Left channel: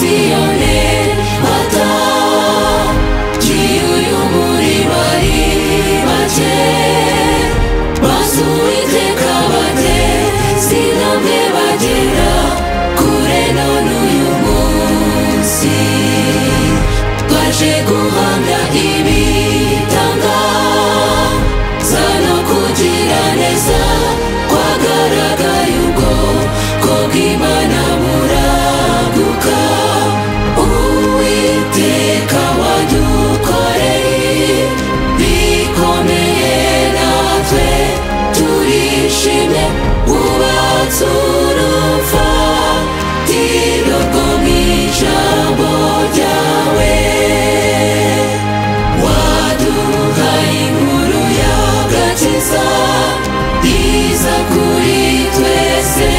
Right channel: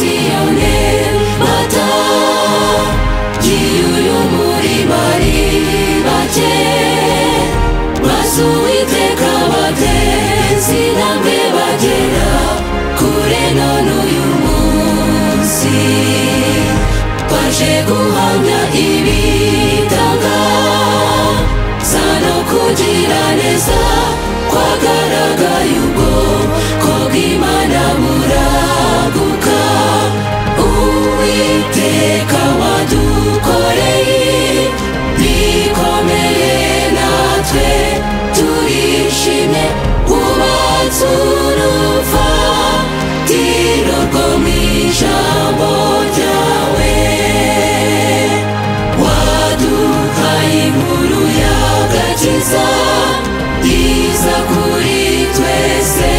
Siyoni mata giyuyu muri bari bake maze Uwiteka bateze intambwe bagera kure none uyu munsi twaje guhamya ibitangaza no kugira neza kwagaragaye ubwoko bw'Imana buraguka Uwiteka wadukoreye bikomeye natwe turishimye wubatse urufatiro rwo mw'ijambo ryawe waduhaye inkuru y'agakiza iza kuri twese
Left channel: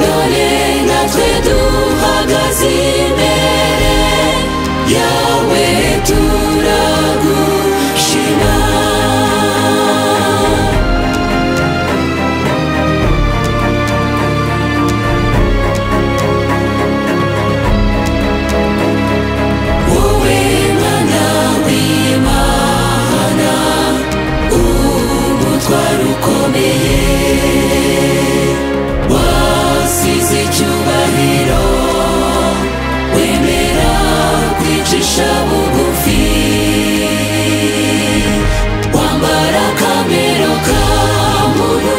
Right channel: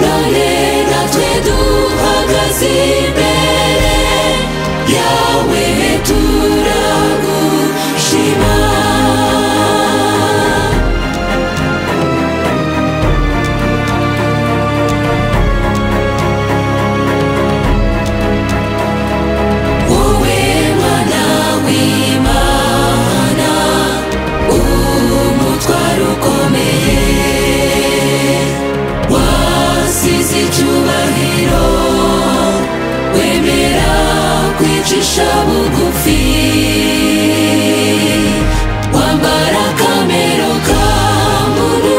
none natwe duhagaze imbere yawe turagushima wowe Mwana w'Imana umutwaro ukomeye wasize icyubahiro wemera kwicisha bugufi wambara akamero ka muntu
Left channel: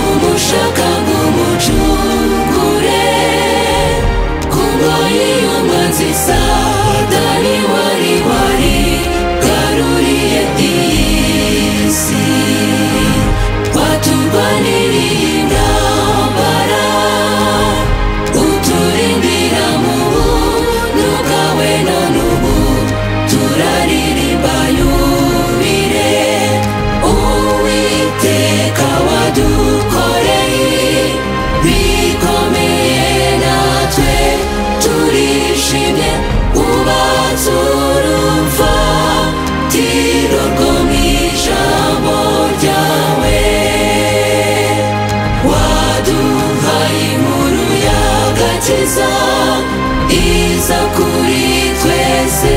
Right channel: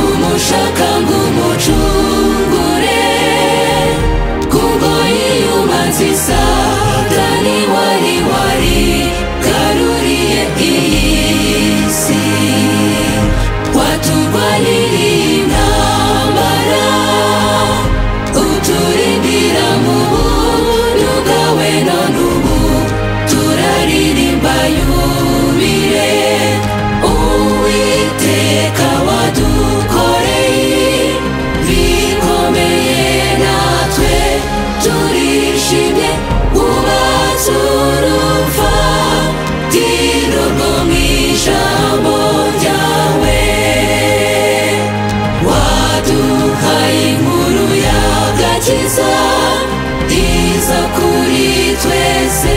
umushaka ngo umucungure ku ngoyi y'umwanzi Satani wari garuriye iyi si waturwaniriye intambara uturindira mu buntu bwawe none ubu turaririmba yubile Uwiteka wadukoreye bikomeye natwe turishimye wubatse urufatiro rwo mw'ijambo ryawe waduhaye inkuru y'agakiza iza kuri twese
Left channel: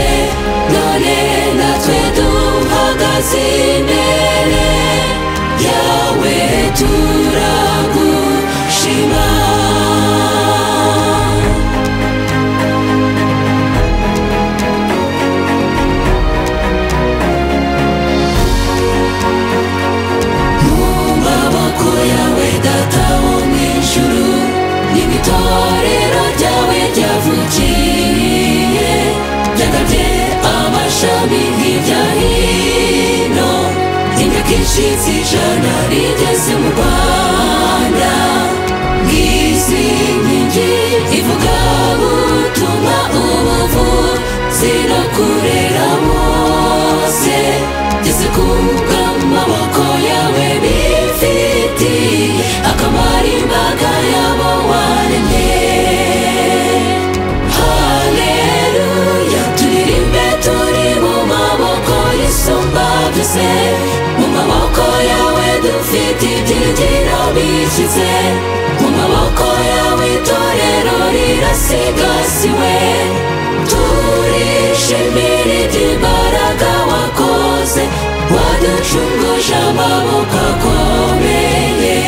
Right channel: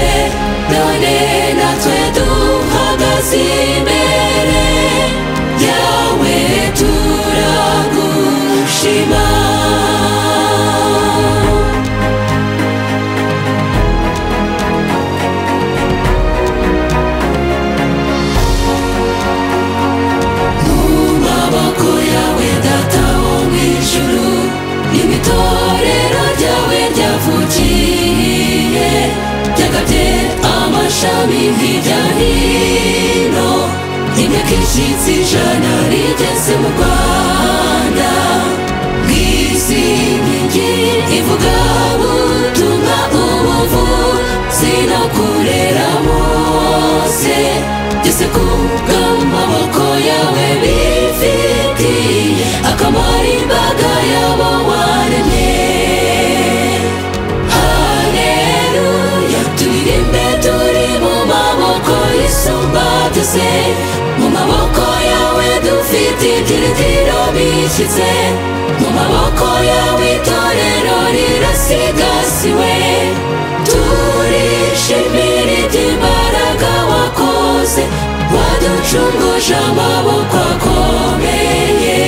none natwe duhagaze imbere yawe turagushima mu maboko yawe Data wo mw'ijuru n'itorero ryawe ryavukiye ryagabye amashami hirya hino imyaka ishitse 100 rigeze mu Rwanda nk'izi nkingi ivuga butumwa ubuvuzi no kurera Mose byose kubw'amaboko yawe bifitiye akamaro imbaga yabo waremye haleluya turirimbe turi mu maboko y'Isumba byose mu maboko yawe dufite ibyiringiro bishyitse mu maboko yawe itorero rirasigasiwe turishimira iby'imbaraga wakoze waducunguje amaboko akomeye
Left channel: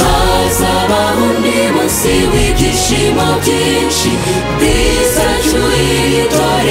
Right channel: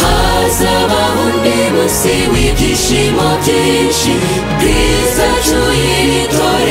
hazabaho undi munsi w'ibyishimo byinshi bwiza cy'iri torero